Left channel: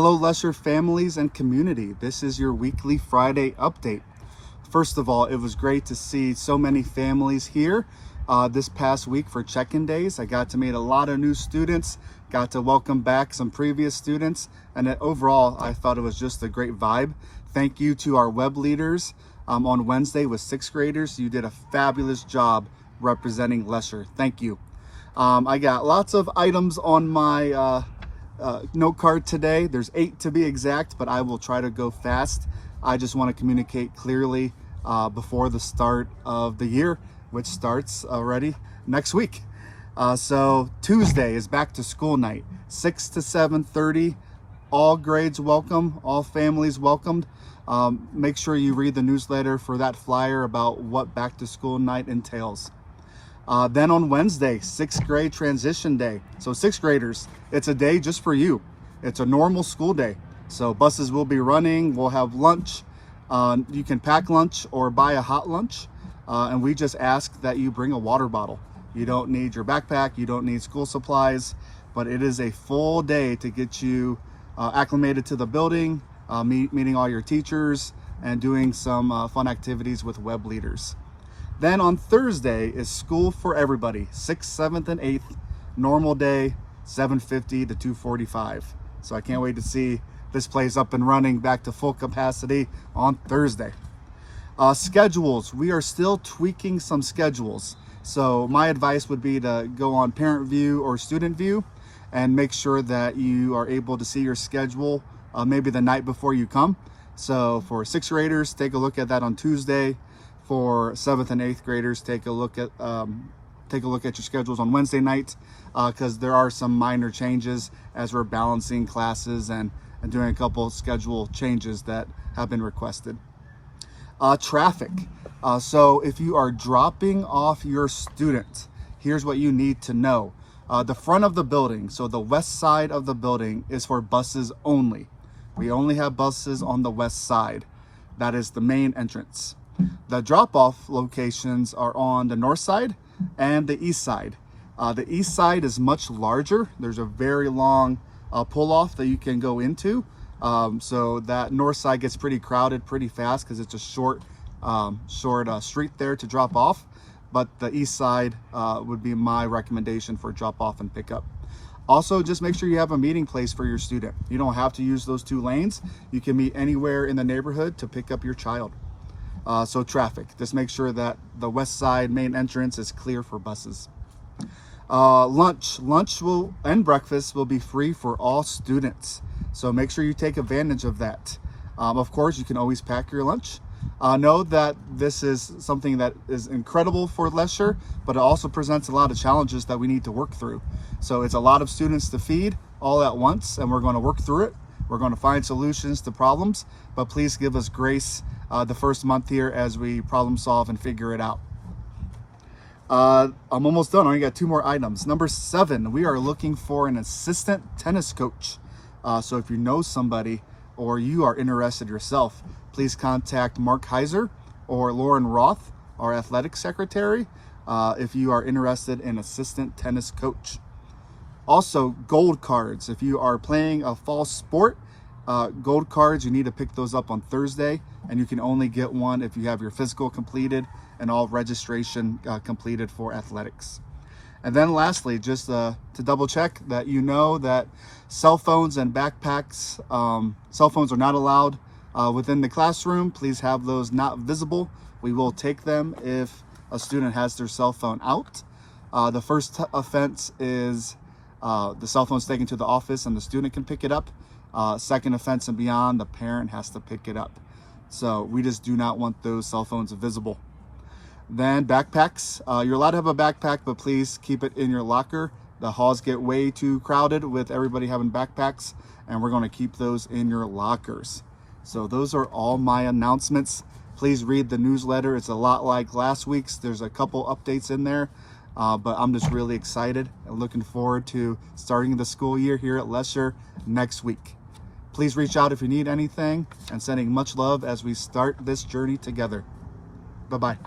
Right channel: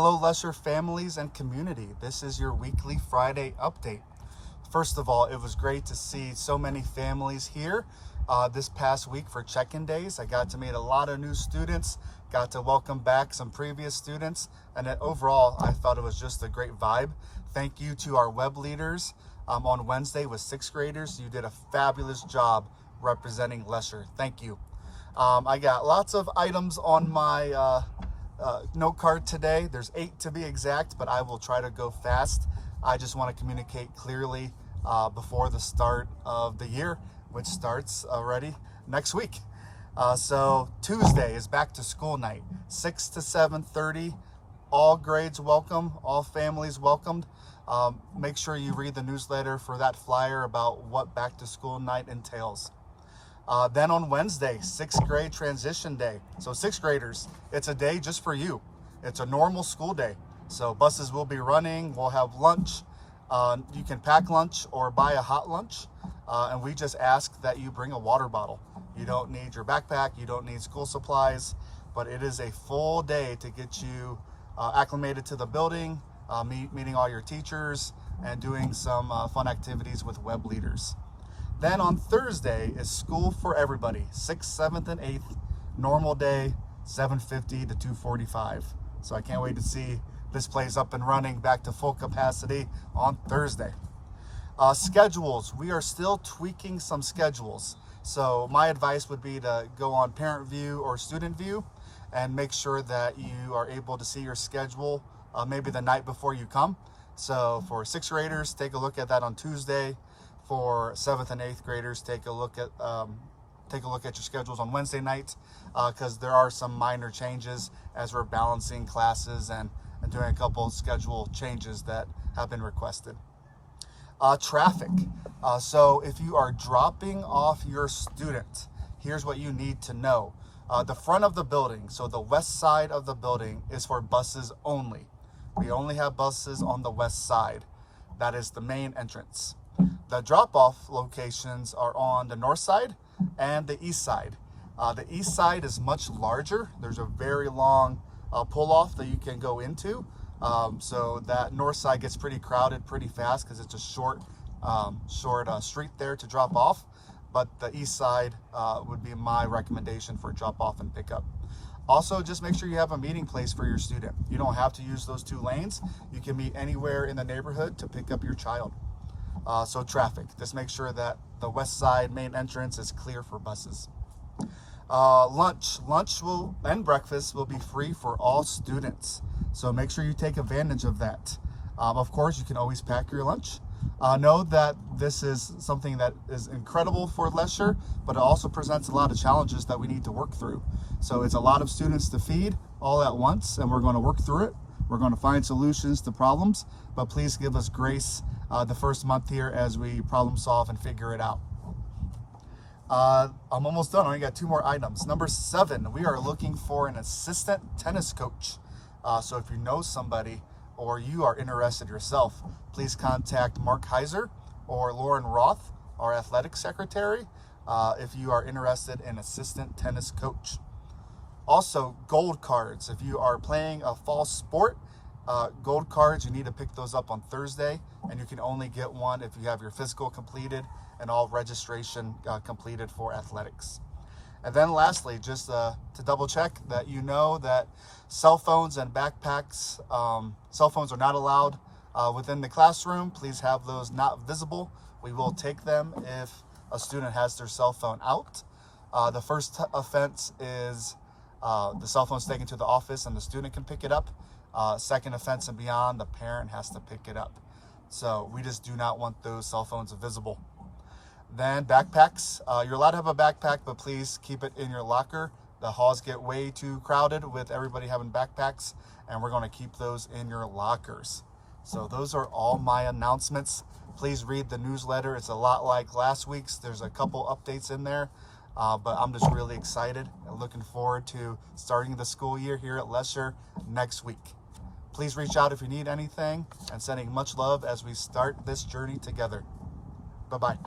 Hello, Lesher families and community. This is your weekly Friday update. First of all, it was great to see so many families here this past week for check-in days. I got to meet a lot of new students, got to welcome back some previous students, and overall, I thought it was just a great vibe. Thank you to our web leaders on Wednesday with 6th graders. You did a fabulous job representing Lesher. Thank you. I got lots of items on my note card today. There's 8 to be exact, but I will try to go fast. I just want to communicate clearly before the start of the year, which starts already next week. So Tuesday is back to school night, 6 to 7:30. All grades welcome, all families welcomed. Make sure you read the newsletter for that flyer about what back to school night entails. Then on Wednesday, 6th grade transition day. So 6th graders, it's a day just for you. It's a normal school day. So buses will be running, we'll have lunch. You can pack lunch or buy a hot lunch. And we just ask that you bring a water bottle. You don't need your backpack, you don't need school supplies, but it is a full day to get you acclimated to the building, meeting all your teachers, and doing some fun activities with web leaders. Then on Thursday is school for everybody, 6th, 7th, and 8th, normal day, 7:50 to 2:45. So I can't wait to see this place up and running back to full capacity on Thursday. Schedules, we are still tweaking some schedules. So my advice would be to go on parent view or student view and make sure that you are able to see your schedule maybe the night before you come. So for 6th graders, take a look at that on Tuesday. For 7th and 8th graders, take a look at your schedules on Wednesday night, because there are some minor changes as we're balancing classes and doing a couple schedule changes that have been requested. Traffic. So if you are dropping off your student, here's what you need to know. The front of the building, so the west side of the building, is for buses only. We only have buses on the west side. That is the main entrance. The drop-off locations are on the north side and the east side. The east side is much larger. There's a very long pull-off that you can go into. So that north side gets pretty crowded pretty fast because it's a short street there to drop off. But the east side would be my recommendation for drop-off and pickup. Also, just make sure you have a meeting place for your student. You don't have to use those 2 lanes. You can meet anywhere in the neighborhood to pick up your child. So traffic, just make sure that the west side main entrance is clear for buses. Lunch and breakfast will be free for all students. So make sure you take advantage of that. Of course, you can always pack your lunch. Know that this is something that is incredible for Lesher, but it also presents a lot of challenges that we need to work through. So it's a lot of students to feed all at once, and we're going to work through it. We're going to find solutions to problems, but please give us grace the first month here as we problem solve and figure it out. I'm almost done. I only got 2 more items. Number 7, we are looking for an assistant tennis coach. So if you know somebody or you are interested yourself, please contact Mark Heiser or Lauren Roth, our athletic secretary, if you are interested in assistant tennis coach. Also, gold cards. If you are playing a fall sport, gold cards, you need to pick those up on Thursday, and you can only get one if you have your physical completed and all registration completed for athletics. And then lastly, just to double check that you know that cell phones and backpacks, cell phones are not allowed within the classroom. Please have those not visible. We will take them if a student has their cell phone out. The first offense is the cell phone's taken to the office and the student can pick it up. Second offense and beyond, the parent has to pick it up. So we just do not want those cell phones visible. Then backpacks. You're allowed to have a backpack, but please keep it in your locker. The halls get way too crowded with everybody having backpacks, and we're going to keep those in your lockers. So those are all my announcements. Please read the newsletter. It's a lot like last week's. There's a couple updates in there. But I'm just really excited and looking forward to starting the school year here at Lesher next week. Please reach out if you need anything, and sending much love as we start this journey together. Bye-bye.